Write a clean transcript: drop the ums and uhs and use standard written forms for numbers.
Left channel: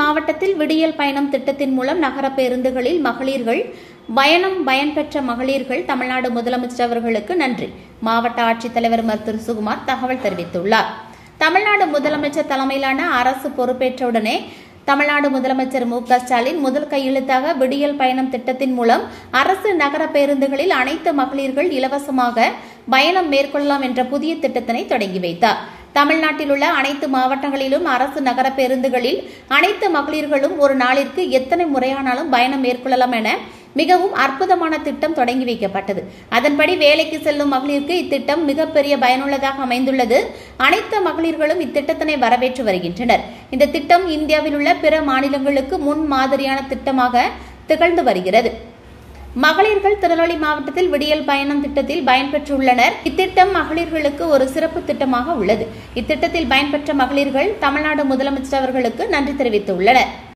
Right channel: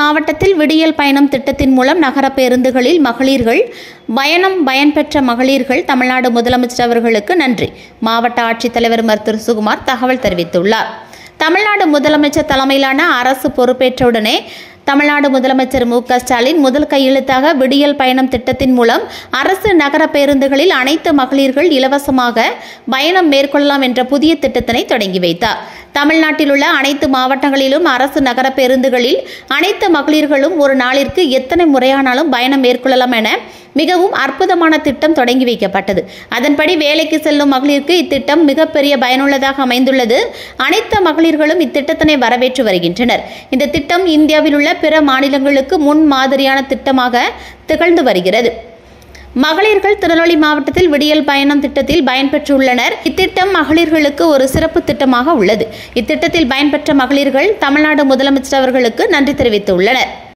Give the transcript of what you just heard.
மாவட்டத்தில் விடியல் பயணம் திட்டத்தின் மூலம் நகர பேருந்துகளில் மகளிர்கள் பயன்பெற்ற மகளிர்கள் தமிழ்நாடு முதலமைச்சர் அவர்களுக்கு நன்றி. மாவட்ட ஆட்சித்தலைவர் மருத்துவர் சுகுமார் தகவல் தெரிவித்துள்ளார். தமிழ்நாடு முதலமைச்சர் தலைமையிலான அரசு பொறுப்பேற்றவுடனே தமிழ்நாடு முதலமைச்சர் மு.க. ஸ்டாலின் முதல் கையெழுத்தாக விடியல் பயணம் திட்டத்தின் மூலம் அரசு நகர பேருந்துகளில் அனைத்து மகளிர்கள் இலவசமாக பயணம் மேற்கொள்ளலாம் என்ற புதிய திட்டத்தினை தொடங்கி வைத்தார். தமிழ்நாட்டில் உள்ள அனைத்து மாவட்டங்களிலும் அரசு நகர பேருந்துகளில் அனைத்து மகளிர்களும் ஒரு நாளிற்கு எத்தனை முறையானாலும் பயணம் மேற்கொள்ளலாம் என மிகவும் அற்புதமான திட்டம் தொடங்கி வைக்கப்பட்டது. அதன்படி வேலைக்கு செல்லும் மகளிருக்கு இத்திட்டம் மிகப்பெரிய பயனுள்ளதாக அமைந்துள்ளது. அனைத்து மகளிர்களும் இத்திட்டத்தினை வரவேற்று வருகின்றனர். இந்த திட்டம் இந்தியாவில் உள்ள பிற மாநிலங்களுக்கு முன் மாதிரியான திட்டமாக திகழ்ந்து வருகிறது. மகளிர்கள் திருநெல்வேலி மாவட்டத்தில் விடியல் பயணம் திட்டத்தில் பயன்பெற்றுள்ளனர். இத்திட்டம் மகளிர்களுக்கு ஒரு சிறப்பு திட்டமாக உள்ளது. இத்திட்டத்தில் பயன்பெற்ற மகளிர்கள் தமிழ்நாடு முதலமைச்சர் அவர்களுக்கு நன்றி தெரிவித்துள்ளனர்.